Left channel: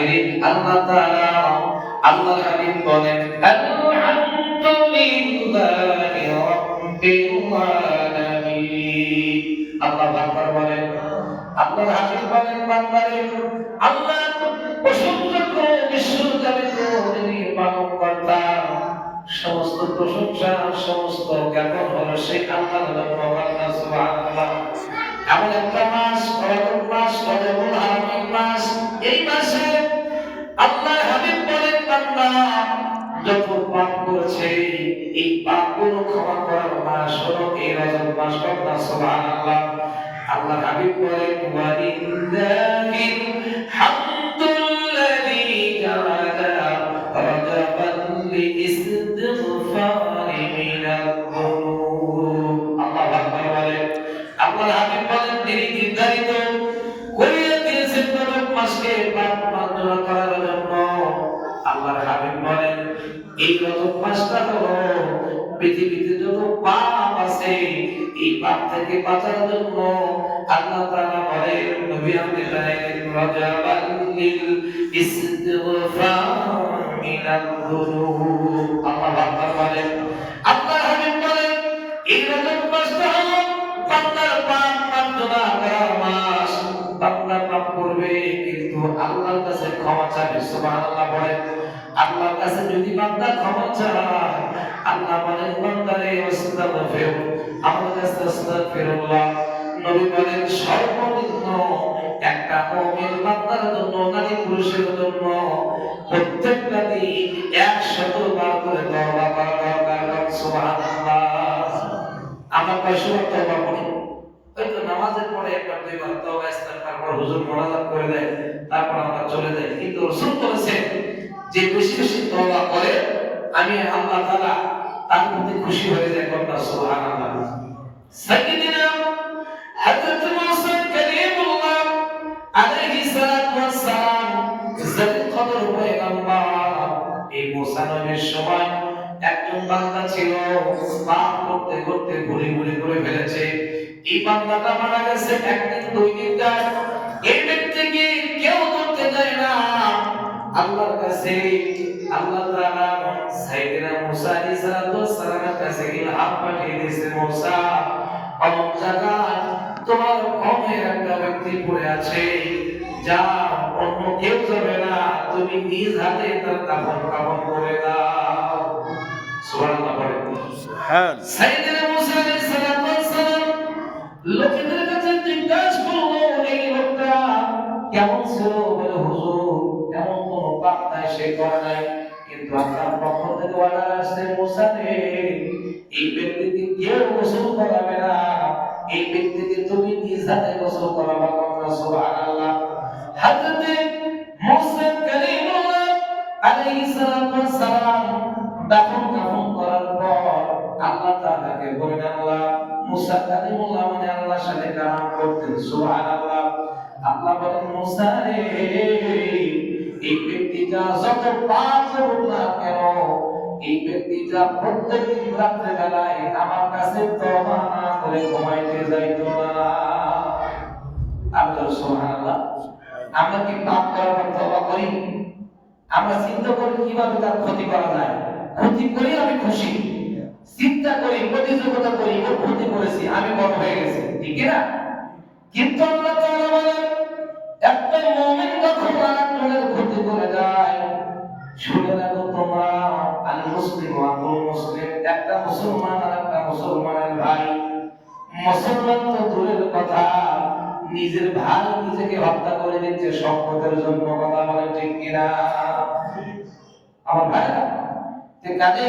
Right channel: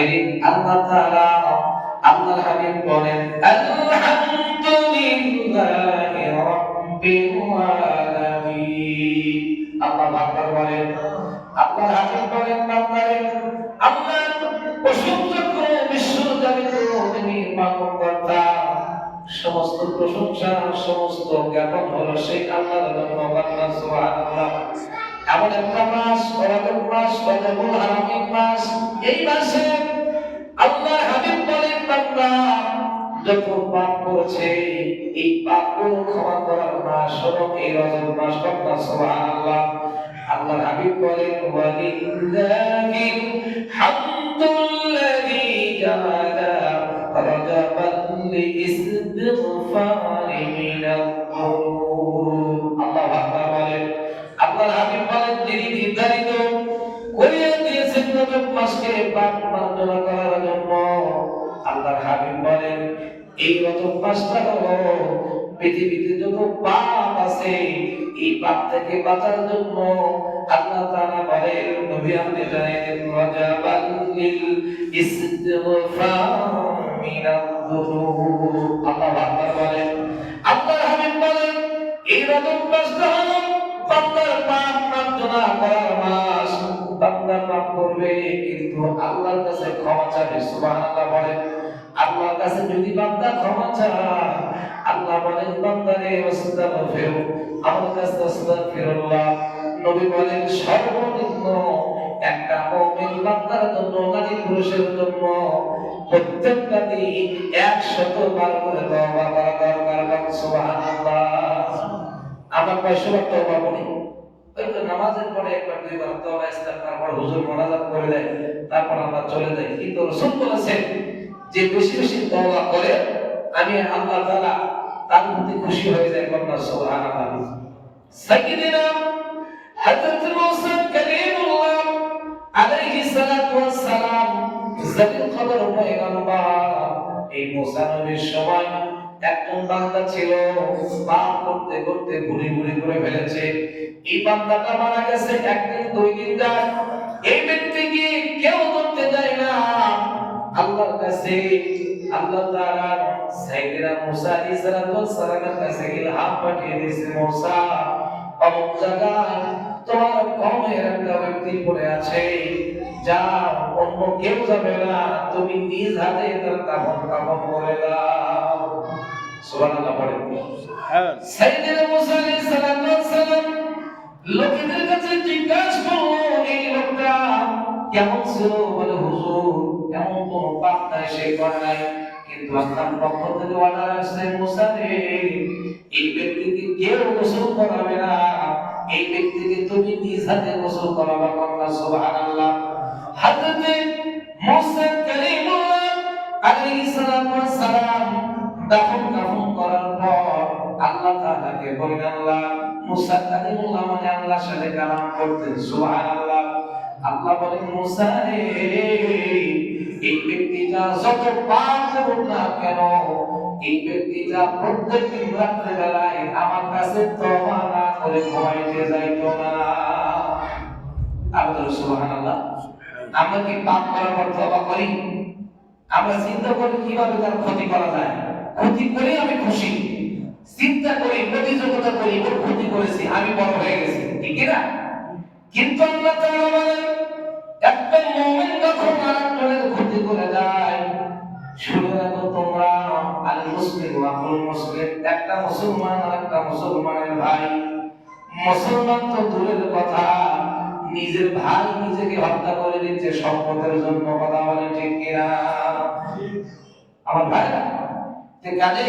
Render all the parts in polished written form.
বাইরে আল্লাহ তাআলা আল্লাহর হাবিব বলেন আলহামদুলিল্লাহি রাব্বিল আলামিন। আল্লাহ আকবার বলেন। আল্লাহর হাবিব বলেন বান্দারে আল্লাহ প্রশংসা করে বিশ্বজগতের যিনি পালনকর্তা, সমস্ত প্রশংসা সমস্ত জ্ঞাপন হলো সেই আল্লাহর নাম। সুবহানাল্লাহ। এমন একটা মাস, রজব মাস, রজবুল হারামিন মাস, এই মাসে আল্লাহ হাবিব বলেন বান্দা যত পাপ করেছে এই পাপগুলো ক্ষমা করার মাস হলো এই রজব মাস। সুবহানাল্লাহ। আল্লাহ হাবিব বলেন ওয়ালিল্লাহিল হামদুল্লাযী জাআলা রজবান লিইস্তিগফারি মিনায-যুনুব। আল্লাহু আকবার বলেন। আল্লাহর হাবিব বলেন তিনি নির্ধারিত করে দিয়েছেন রজব মাসকে পাপ মার্জনা করার জন্য। আল্লাহর হাবিব বলেন এই রজব মাসটা হলো পৃথিবীতে যত পাপ আছে এই পাপ থেকে বাঁচার জন্য আল্লাহ তাআলা বলেন নবী আপনি জানেন রজবাল লিল ইস্তিগফার মিনায-যুনুব। আল্লাহু আকবার বলেন। আল্লাহর হাবিব বলেন এই রজব মাসটা হলো বান্দার পাপ মার্জনা করার মাস। বান্দা পাপ করবে কিন্তু আল্লাহর কাছে ক্ষমা চাইবে। সুবহানাল্লাহ বলেন। আল্লাহর কাছে যদি বান্দা ক্ষমা চায় আল্লাহ বলেন বান্দারে আস্তাগফির, আমার কাছে আস্তাগফিরুল্লাহ। নবী বলেন সর্বনিম্ন একটা মুমিন বান্দার জন্য নারী পুরুষের জন্য প্রত্যেকটা দিন 100 বার করে তওবা করা দরকার। সুবহানাল্লাহ। আমরা কয়শবার তওবা করি? হয়তো নামাজের পরে একবার দুইবার তওবা ইস্তেগফার করে হুজুর মোনাজাত করে দেয়, তারপর আমরা চলে যাই। কিন্তু রাসূল বলেছেন যে বেশি বেশি তওবা করে আমি আল্লাহ তাআলা তার প্রতি খুশি হয়ে যায়। সুবহানাল্লাহ। সাইয়্যিদিনা হযরত মুসা কালিমুল্লাহ আলাইহিস সালাতু ওয়াস সালাম জালিল কদর পয়গম্বর, এই মুসা নবীর সময় একজন বান্দা ছিল পাপ করতে করতে ভুলে ভুলে করে ফেলেছে। এই বান্দাটা মারা গেছে একদিন দুই দিন যায়, এই ব্যক্তিকে কেউ ধরতে যায় না। আল্লাহর কাছে আল্লাহ তাআলা সাইয়েদনা মুসা আলাইহিস সালামের কাছে ইলহাম পাঠিয়ে দিয়েছে, মুসা অমুক জায়গায় তোমার কওমের একটা ব্যক্তি পড়ে আছে, যা অন্য কেউ যাবে না, তুমি নিজ হাতে তার কাফন করে দাও। সুবহানাল্লাহ বলেন। সাইয়েদনা মুসা আলাইহিস সালাম লোকেদের কাছে জিজ্ঞাসা করলো এই লোকটা কেমন ছিল? বলে হুজুর এমন কোনো পাপ নাই সে করে নাই, কিন্তু আপনার পক্ষ থেকে অর্ডার আসছে মুসা রে এই ব্যক্তিকে কেউ গোসল করাবে না, এই ব্যক্তিকে তুমি নিজ হাতে গোসল করাবে। সুবহানাল্লাহ। হযরত মুসা কালিমুল্লাহ আলাইহিস সালাম দাফন কাফন করার পর আল্লাহ তাআলাকে বলেন আল্লাহ মুসা কালিমুল্লাহ মানে আল্লাহর সাথে কালাম করতেন। সুবহানাল্লাহ। আল্লাহ বলেন মুসা রে এই ব্যক্তিটা যত পাপ করুক না কেন, এই ব্যক্তিটা প্রত্যেকদিন রাত্রে বেলায় আমার কাছে তওবা না করে ঘুমাইতে যাইতো না। আল্লাহ সুবহানাল্লাহ। আমরা কি পাপ করার পর তওবা করি? আমরা চিন্তা করি কিভাবে তার ক্ষতি করা যায়, ক্ষতি করে আমি খুশি, চিন্তা করি প্রতিযোগিতা করি ওর ক্ষতি করেছি আমি বড় হয়ে গেছি, ঠিক না? কিন্তু আল্লাহ তাআলা বলেন একটা মুমিন যখন আরেকজনের ক্ষতি করে যায়, শুনে রাখো তোমরা আল মুসলিম ওয়া আল মুসলিম, একটা মুসলমান আর একটা মুসলমানের ভাই। মুসলমান তো দূরের কথা, নিজের ভাই নিজেকে হত্যা করে দিচ্ছে সম্পদের জন্য। কথা বলে ঠিক কিনা আমার ভাইরা? যে কাজে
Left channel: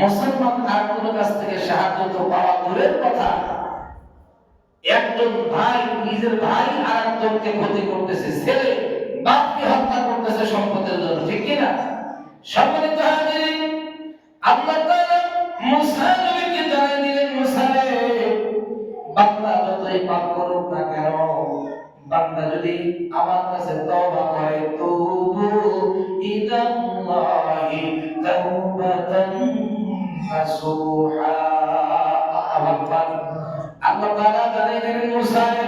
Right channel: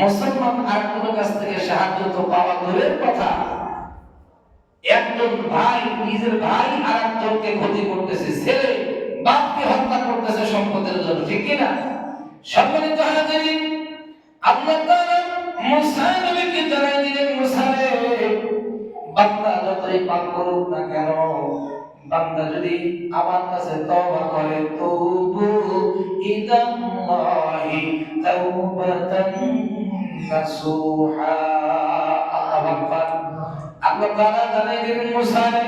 মুসলমান আরেকজনের কাছ থেকে সাহায্য তো পাওয়া দূরের কথা, একজন ভাই নিজের ভাই আরেকজনকে ক্ষতি করতেছে, ছেলে বাপকে হত্যা করতেছে সম্পদের জন্য, ঠিক কিনা? সম্মানিত হাজিরিন, আল্লাহ তাআলা মুসা নবীকে জানিয়ে দিলেন মুসা রে বান্দা যতই পাপ করুক না কেন, বান্দা যদি আমার কাছে তওবা করে তুবু ইলাল্লাহি তাওবাতান নাসুহা। আল্লাহ তাআলা জানিয়ে দিলেন মুসা রে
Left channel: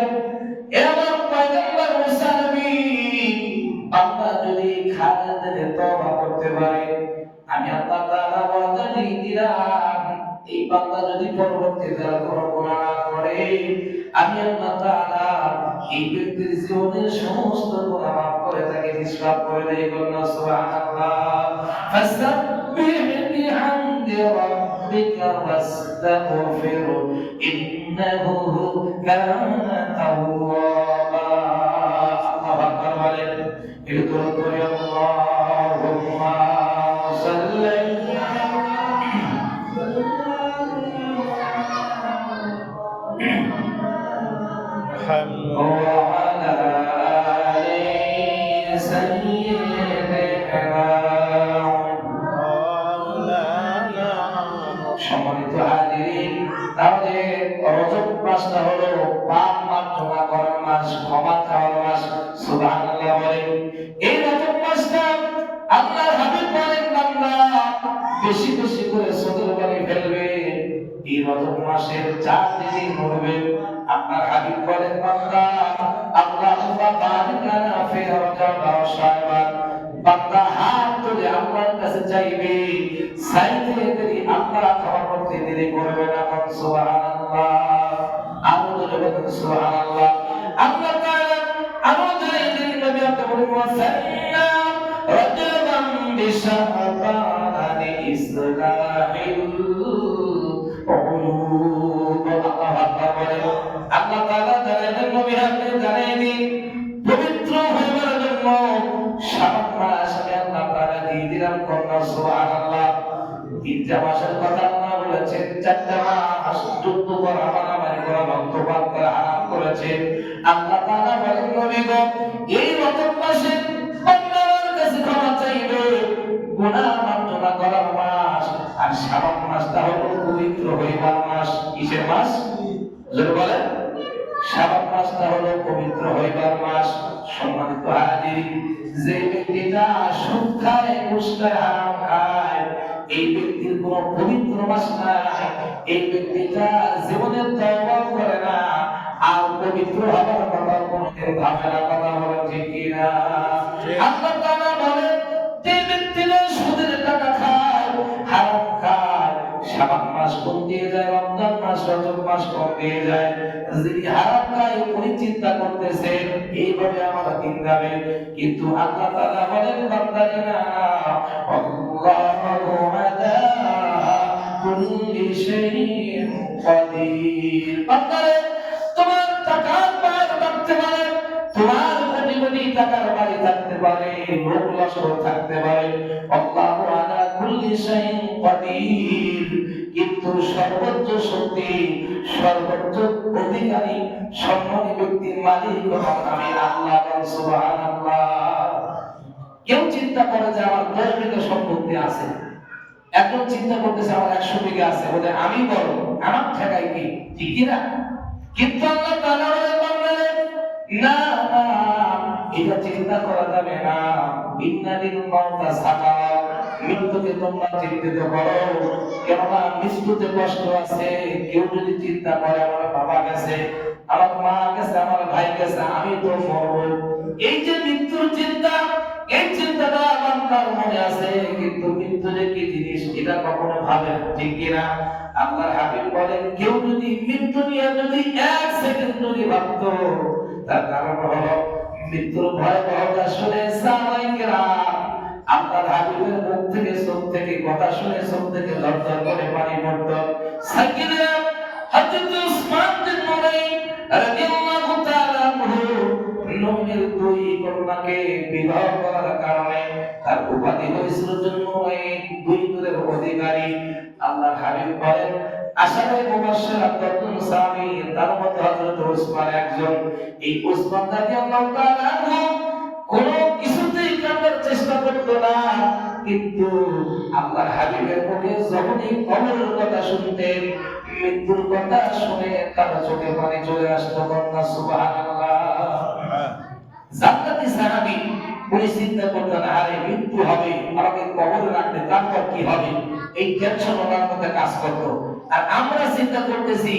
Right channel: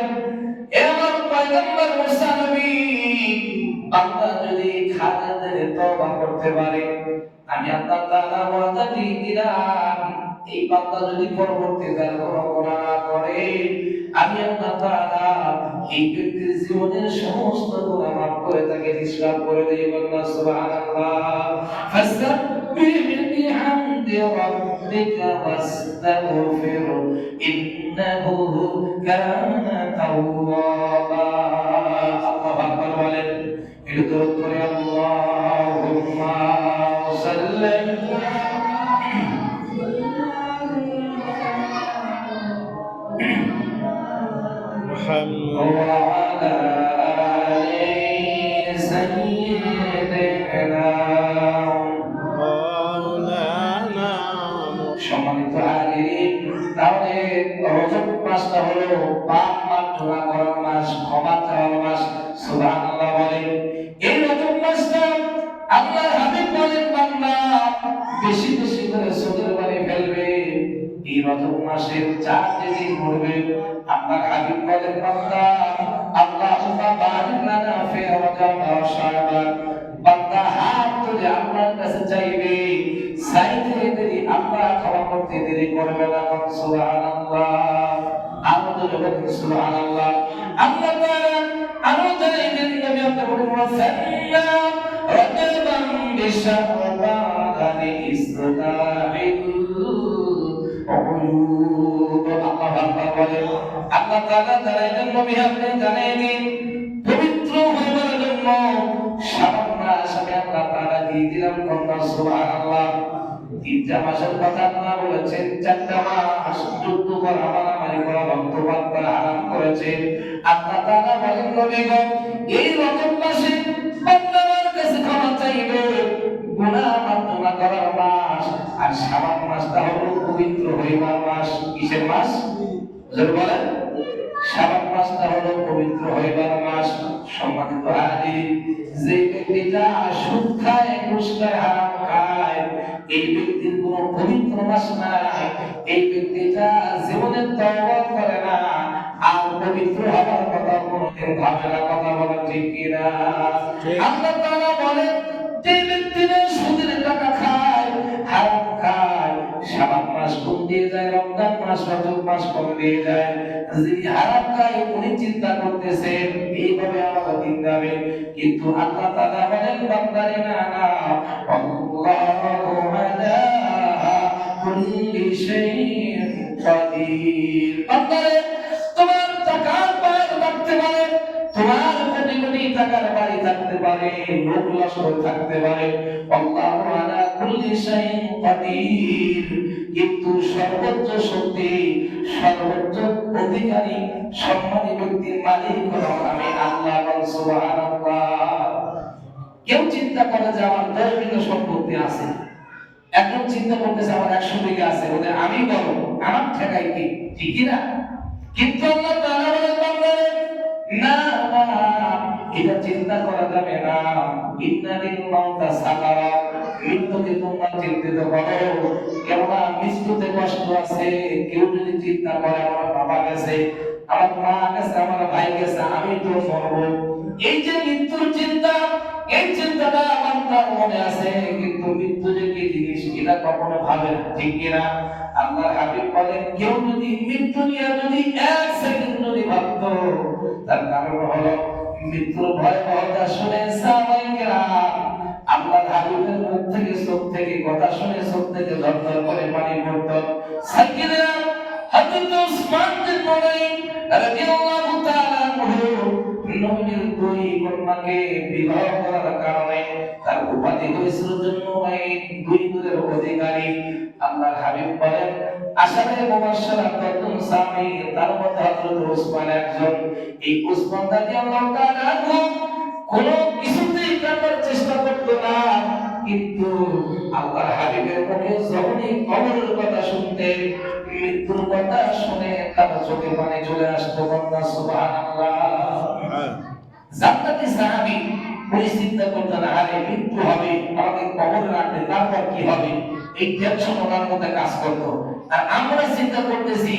এ আমার পয়গম্বর মুসা নবী বান্দা করতে পারে। আমি আল্লাহ তাআলা ওয়াদা দিয়ে দিলাম এই বান্দা যদি পরবর্তীকালে কোনো গুনাহ না করে, আমি আল্লাহ তাআলা এই ব্যক্তির জীবনের সমস্ত গুনাহ মাফ করে তাকে নিষ্পাপ করে দেই। বলুন সুবহানাল্লাহ। ফাসাব্বিহ বিহামদি রাব্বিকা ওয়াস্তাগফির ইন্নাহু কানা তাওয়াবা। আল্লাহু আকবার বলেন। এই দরুদ পড়ে আল্লাহুম্মা সাল্লি وعلى آل سيدنا مولانا সম্মানিত হাজিরিন, তাহলে রজব মাসটা হলো পাপ মার্জনা করার মাস, ক্ষমা চাওয়ার মাস। সুবহানাল্লাহ বলেন। এই রজব মাসটা আল্লাহর হাবিব বলেন বান্দা বেশি বেশি করে সদর বাড়ি ফেলবে। এই রজব মাসের 4 দিন পড়বে। আপনার হাবিব বলেন বান্দা আল্লাহুম্মা বারিক লানা ফি রজব ওয়া শাবান। বান্দা হাত তুলে আল্লাহর কাছে চাইবে, চাইতে দেরি আল্লাহ ক্ষমা করতে দেরি করবে না। সুবহানাল্লাহ। আমাদের বলেন সুবহানাল্লাহ। আল্লাহ তাআলা আমাদের নবী আপনি বলেন সাল্লা রজবান বিশাবান ইসলাহিল উয়ুব। আল্লাহু আকবার বলেন। আল্লাহ তাআলা জানালেন নবী আপনি জানাই দিন পবিত্র হওয়ার জন্য শাবান মাস আমি আল্লাহ তাআলা দিয়ে দিলাম। সুবহানাল্লাহ। 3টা মাসের কথা আল্লাহ বলেছেন, 4টা মাস যুদ্ধ করা, মারামারি করা, রক্তপাত করা হারাম করেছেন। আল্লাহ তাআলা বলেন নবী গো এই রজব মাসে বান্দা আমার কাছে ক্ষমা চাইবে, গুনাহ মার্জনা করার মাস। আর শাবান মাসটা হলো পবিত্র হইবার মাস। কিসের মাস? জোরে বলেন। শাবান মাসটা হলো পবিত্র হইবার মাস। সম্মানিত হাজির, যে ব্যক্তিটা সুদ খায়, ঘুষ খায়, হারাম খায়, এই ব্যক্তির কোনো পবিত্র মাস নাই। এই ব্যক্তিটা জীবনে তওবা করে না, আর পবিত্র হওয়ার কথা কোনোদিন ভাবে না। কথা বলা ঠিক কিনা? আল্লাহ তাআলা বলেন যে ব্যক্তিরা সুদের টাকা খায়, হারাম খায়, শাবান মাস কম দিয়ে যায়, রমজান মাস, রজব মাস কম দিয়ে যায়। যদি হারাম খায় উনি চিন্তা করতেছে এইভাবে আমার দিন যাবে, কিন্তু আল্লাহ তাআলা বলেন বান্দারে না, আল্লাহু আলা কুল্লি শাইইন কাদির। বান্দারে তোমার টাকার পার থাকতে পারে, তোমার কোটি কোটি টাকার বাড়ি থাকতে পারে, লোক লস্কর থাকতে পারে, আল্লাহু আলা কুল্লি শাইইন কাদির, কিন্তু সর্বোচ্চ শক্তি, সর্বোচ্চ অধিকারী, সম্মানী ব্যক্তির মালিক আমি আল্লাহ। সুবহানাল্লাহ। কেউ চিন্তা করে যে আমার 10 বিঘা সম্পত্তি আছে, এখন চিন্তা করতেছে আমার 100 বিঘা আছে, বলে আমি বড়, আমার ঠেকাই কি? ঠিক না? কিন্তু আল্লাহ তাআলা বলেন না না, এটা চিন্তা করা যাবে না। ইন্নালিল মাউতা সাকারাত, মৃত্যুকে তোমরা চিন্তিত করো, কেননা মৃত্যুতে কষ্ট আছে। কেউ যদি চিন্তা করে আমার বাবা গেছে, আমার মা গেছে, আমার ভাই গেছে, আমি তো মরব, এই যে মৃত্যুর চিন্তা, এই চিন্তাটা বান্দার মনে আছে, কিন্তু মৃত্যু যে কি জিনিস এটা কখনো ভাবে না। ঠিক কিনা? আল্লাহর হাবিব বলেন কেউ যদি মৃত্যু নিয়ে যদি 1 সেকেন্ড যদি ভাবতো, তার কারণ হলো মৃত্যুর ভয়াবহতা শুনে সাহাবায়ে কেরাম আল্লাহর হাবিবের মুখ থেকে, চোখ থেকে কথা শুনে চোখ থেকে ঝরঝর করে পানি পড়তো। সাইয়্যিদনা হযরত উসমান বিন নুরাইন রাদিয়াল্লাহু তাআলা আনহু নবীর 2 কন্যাকে বিবাহ করার কারণে তার উপাধি হয়েছিল জন্নুরাইন, 2 নূরের অধিকারী। আল্লাহর হাবিব বলেন আশারে মুবাশশারাতুন সাহাবী, তার মধ্যে হযরত উসমান একজন। এই উসমান রাদিয়াল্লাহু তাআলা আনহু কোন কিছুতেই কাটার চেষ্টা করতো না, কিন্তু আল্লাহর হাবিবের মুখে যখনই কবরের কথা শুনতেন, মৃত্যুর কথা শুনে তার চোখে পানি চলে আসতো। বলনা সুবহানাল্লাহ। জান্নাতি সাহাবী উনি চিন্তা করতেন আরে মৃত্যু হবে, আমাকে কবরে রাখবে, তারপর কি হবে, এই টেনশন ওনার মধ্যে কাজ করতো। আর আমরা চিন্তা করতেছি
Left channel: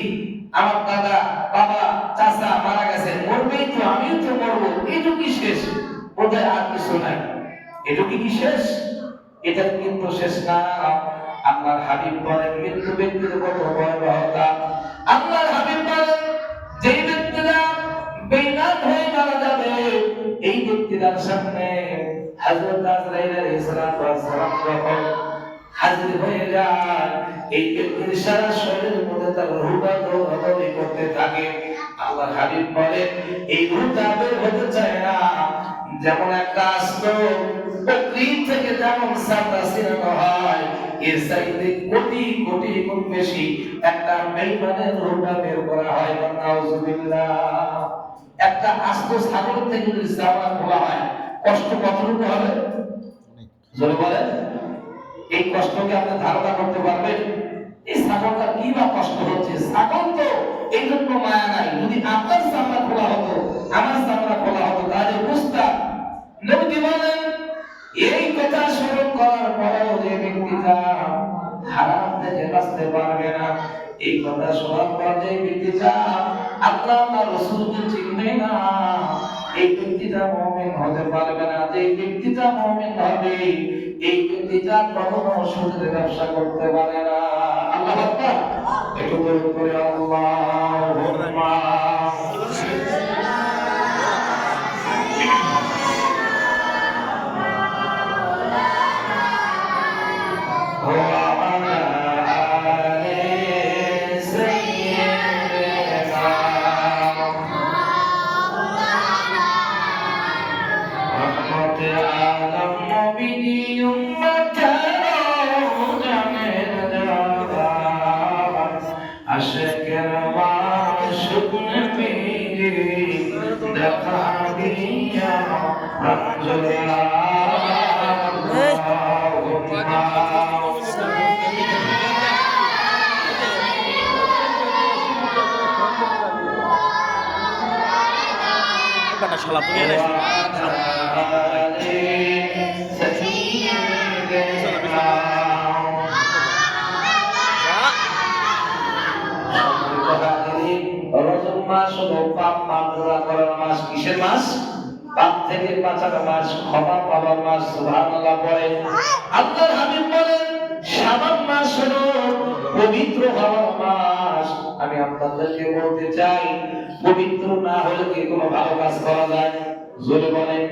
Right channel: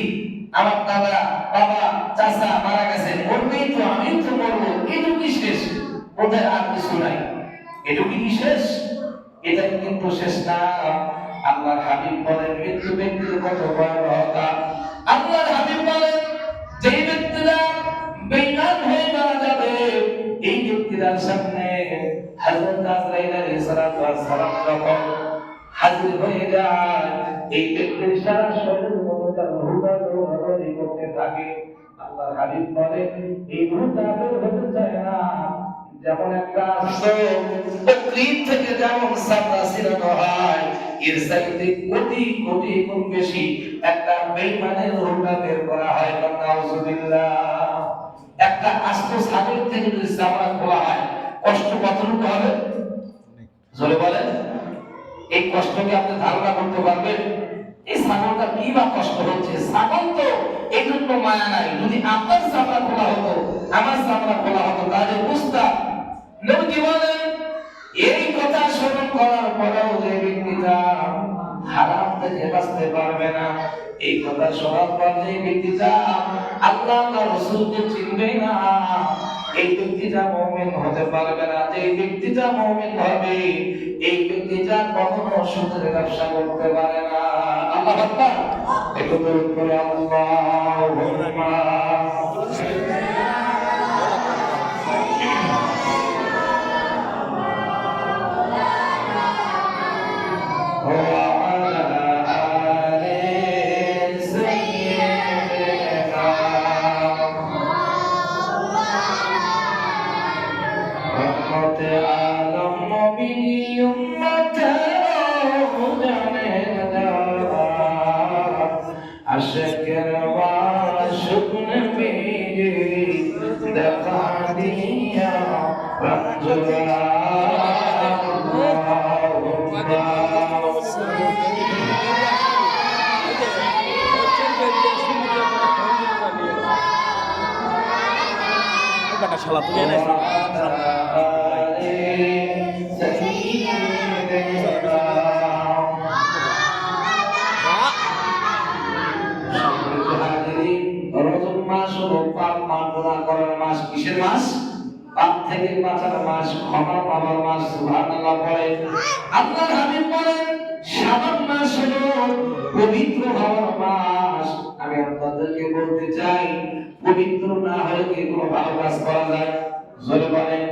আমার দাদা, বাবা, চাচা মারা গেছে, মরবেই তো, আমিও তো মরবো, এটুকু কি শেষ? বোধহয় আর কিছু নাই। এটুকু কি শেষ? এটা কিন্তু শেষ না। আল্লাহর হাবিব বলেন মৃত্যু ব্যক্তির কত ভয়াবহতা। আল্লাহর হাবিব বলেন যে ব্যক্তিরা বেঈমান হয়ে মারা যাবে এই ব্যক্তির সামনে হযরত আজরাইল আলাইহিস সালাম যখন হাজির হয়ে যায় এই ব্যক্তির সারা শরীরের মধ্যে তার রূহটা দৌড়াদৌড়ি করতে থাকে। আল্লাহর হাবিব বলেন এই রূহটা বের হতে চায় না। যেমন একটা আস্ত বকরী থেকে যেমন চামড়া ছিঁড়ানো হয় এর চাইতে কোটি কোটি গুণ বেশি একটা বেঈমানের রূহটা বের করা হয়। নাউযুবিল্লাহ। একটা আস্ত ছাগল থেকে যদি চামড়া খোলা হয় কষ্ট কতটুকু হবে জোরে বলেন। এই কষ্ট কি আপনি ধারণা করতে পারবেন? এই ছাগলটা কি বা কষ্ট হচ্ছে? ছাগল তো এই জন্য মায়া নাই। যদি আপনার চামড়া খোলা হতো আমার চামড়া খোলা হতো তাহলে বুঝতাম। নবী বলেন এই কথা শ্রবণ করার পরেও যে ব্যক্তিটা হারাম থেকে বাঁচতে পারবে না, এই কথা শোনার পর যে ব্যক্তিটা আল্লাহ আর রাসূলকে চিনবে না, এই ব্যক্তিটা মুমিন হতে পারবে না। যে ব্যক্তিটা মুমিন হবে এই ব্যক্তিটা কখনো সুদের ব্যবসা করতে পারে না। আল্লাহ আকবার। একটু দরুদ করে আল্লাহুম্মা kata salah tuh ya কিসের মাস? পাপ থেকে বাঁচার মাস, ক্ষমা পাওয়ার মাস। সুবহানাল্লাহ পড়ে। আল্লাহর হাবিব বলেন শাবান মাস হলো পবিত্র হওয়ার মাস। আমি আপনাদেরকে বলতে চাই পবিত্র না হলে কি কোনো ভালো কাজ করা যায়? জোরে বলেন।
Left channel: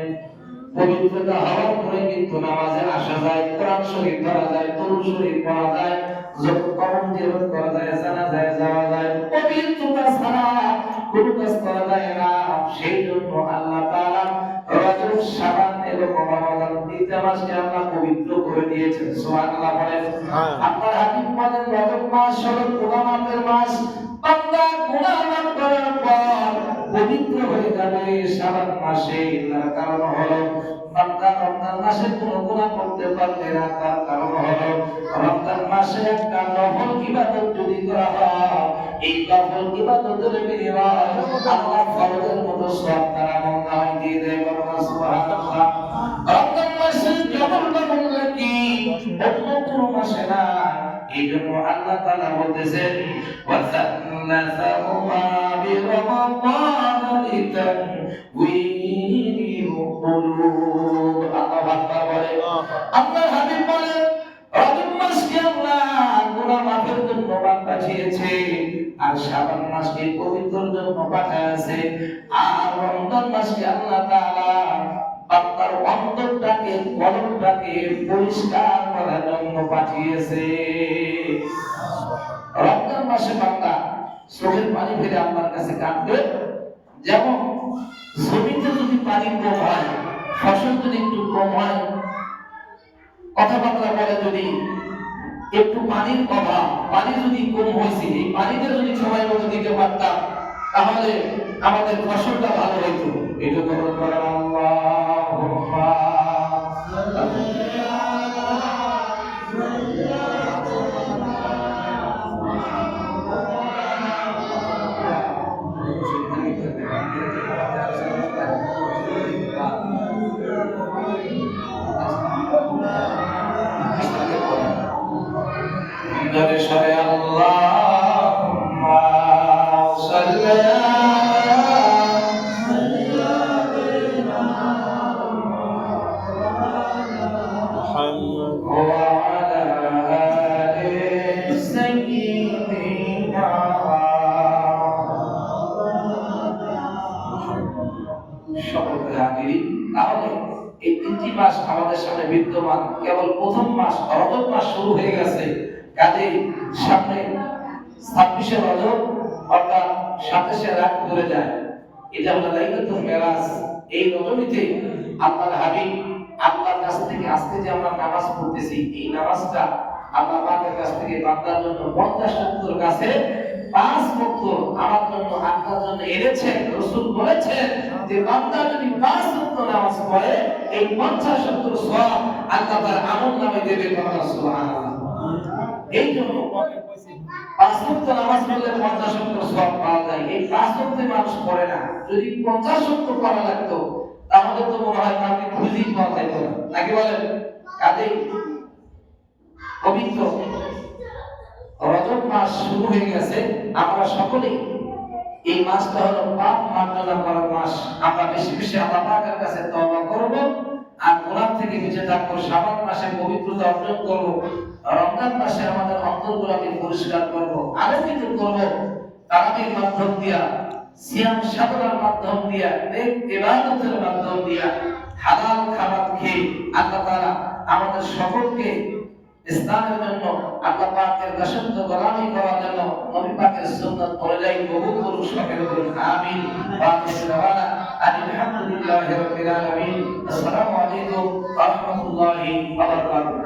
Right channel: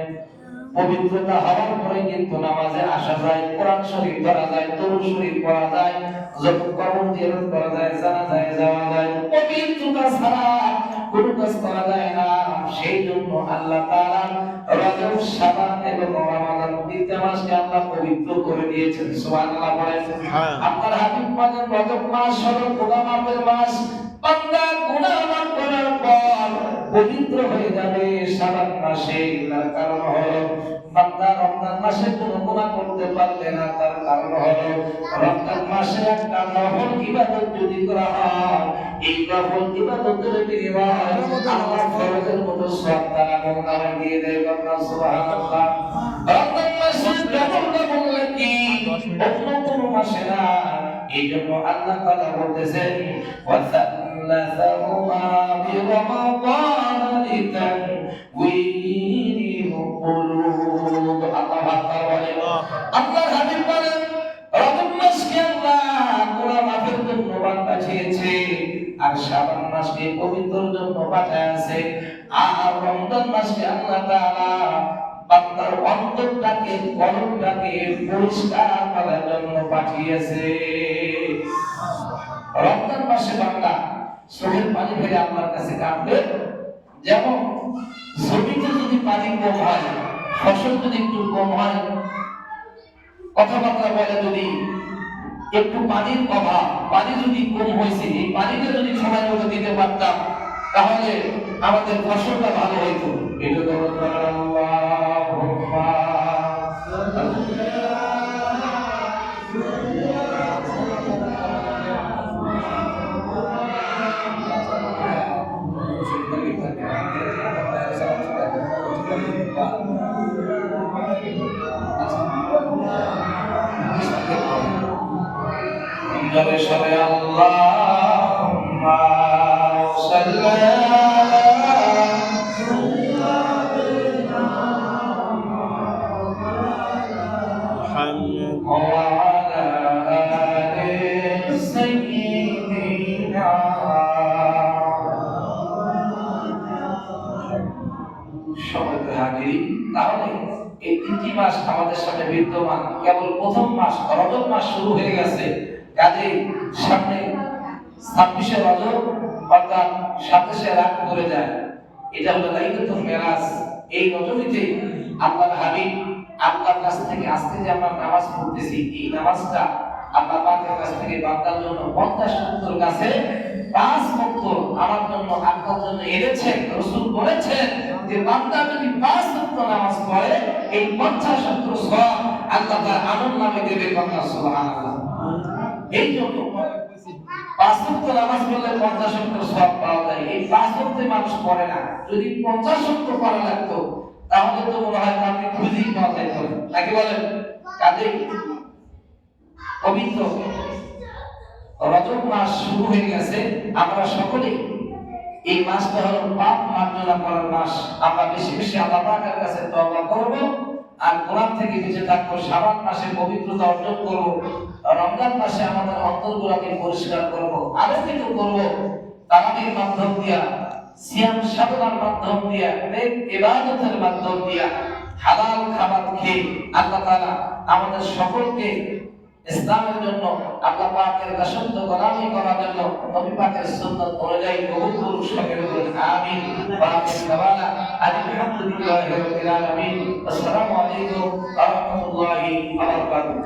পবিত্রতা হওয়ার পরে কিন্তু নামাজে আসা যায়, কোরআন শরীফ পড়া যায়, দরুদ শরীফ পড়া যায়, যখন কবর জিয়ারত করা যায়, জানাজায় যাওয়া যায়। পবিত্রতা ছাড়া কোনো কাজ করা যায় না। সেই জন্য আল্লাহ তাআলা রজব, শাবান এবং রমাদান তিনটা মাসকে আল্লাহ পবিত্র করে দিয়েছেন। সুবহানাল্লাহ বলেন। আল্লাহর হাবিব বলেন রজব মাস হলো গুনাহ মাফের মাস। বান্দা গুনাহ মাফ করার পর পবিত্র হয়ে যাবে শাবান মাসে। তার কারণ হলো বান্দা রমজান মাসে কোনো গুনাহ করতে পারবে না। তার কারণ হলো রমজান মাসে একটা নফল ইবাদত যদি করা হয় এই নফল ইবাদতের বিনিময়ে আল্লাহ ফরজের মতো সওয়াব তার আমলনামায় দিয়ে দেবে। সুবহানাল্লাহ। রমজান মাসে কেবল বললে কি অন্য কোনো মাসে না। এই জন্য আল্লাহ তাআলা বলতেছেন ওয়াসাল্লাহু বিরমাদান লিতাকওয়িনিল কুলুব। আল্লাহর হাবিব বলেন রজব মাসকে আল্লাহ গুনাহ মাফের জন্য পাঠিয়েছে আর শাবান মাসকে পবিত্রের জন্য পাঠিয়েছে আর রমজান মাসকে আল্লাহ তাআলা বান্দার অন্তরটাকে কলবটাকে পরিষ্কার করার জন্য পাঠিয়েছে। রমজান মাসে বান্দা চোখের পানি ফেলে আল্লাহর কাছে কাঁদবে। যেমন জমিতে যদি পানি কম হয়, ফসল যদি একটু কম হয়, কথাবার্তা বলে যদি একটু পানির অভাব, পানি যদি কম হয়েছে, এই পানিটা যদি সময় মতো দিতে পারতাম তাহলে আমাদের ফসলটা ভালো হইতো। এটা তো আল্লাহুম্মা জোরে সরে আল্লাহুম্মা সাল্লি محمد وعلى آل سيدنا সকলকে হাজির। তাহলে এই তিনটি মাস আমাদের সামনে বিদ্যমান, কেবল প্রথম মাস রজব মাস শুরু হয়ে গেছে, কাজে সামনে 26শে রজব অর্থাৎ 27শে রাত ঘুরে যায়, এটা হলো লাইলাতুল মিরাজ। এই রজনীতে আল্লাহর হাবিব আল্লাহর কাছ থেকে আজকে যে আমরা নামাজ পড়তেছি, এই নামাজটা আল্লাহ পাকের কাছ থেকে বান্দার জন্য 50-70 কাছে 5 ওয়াক্ত আমার জন্য আপনার জন্য এনেছেন। রাসূল বলেছেন যে বান্দা যদি 5 ওয়াক্ত নামাজ পড়ে এই 50-70 সওয়াব আল্লাহ তাআলা আমলনামায় দেবে। সুবহানাল্লাহ। এই জন্য 5 ওয়াক্ত নামাজ পড়লে 50-70 সওয়াব পাওয়া যায়। এই 5 ওয়াক্ত মানুষ পড়ে না। যদি 50 ওয়াক্ত পড়া লাগতো তাহলে তো মনে হয় আপনি খুঁজে পাওয়া যেত না, নাকি বলেন? কাজেই পবিত্র রজব মাস শুরু হয়ে গেছে, আমরা সকলেই এই মাসটা হলো পাপ মার্জনা করার মাস। আমরা বেশি বেশি আল্লাহ পাকের কাছে তওবা করব আর কোরআন থেকে নিজে থাকবো, শাবান মাসে পবিত্রতা অর্জন করব, রমজান মাসে আমাদের অন্তরগুলোকে পরিষ্কার করব, আরো কিছু করব তারাবির মাধ্যম দিয়া, সিয়াম সাধনার মাধ্যম দিয়া, নেক ইবাদতের মাধ্যম দিয়া, হালাল খাবার খেয়ে আল্লাহ তাআলা আমাদের সকলকে ইসলামের জন্য, আল্লাহ পাকের দাসত্ব গোলামি করার জন্য নবী পাকের সুন্নাত অনুযায়ী কবুল করুন। সকলে বলুন আমিন। ওয়া আখিরু দাওয়ানা আলহামদুলিল্লাহি রাব্বিল আলামিন। আসসালামু আলাইকুম ওয়া রাহমাতুল্লাহি ওয়া বারাকাতুহু।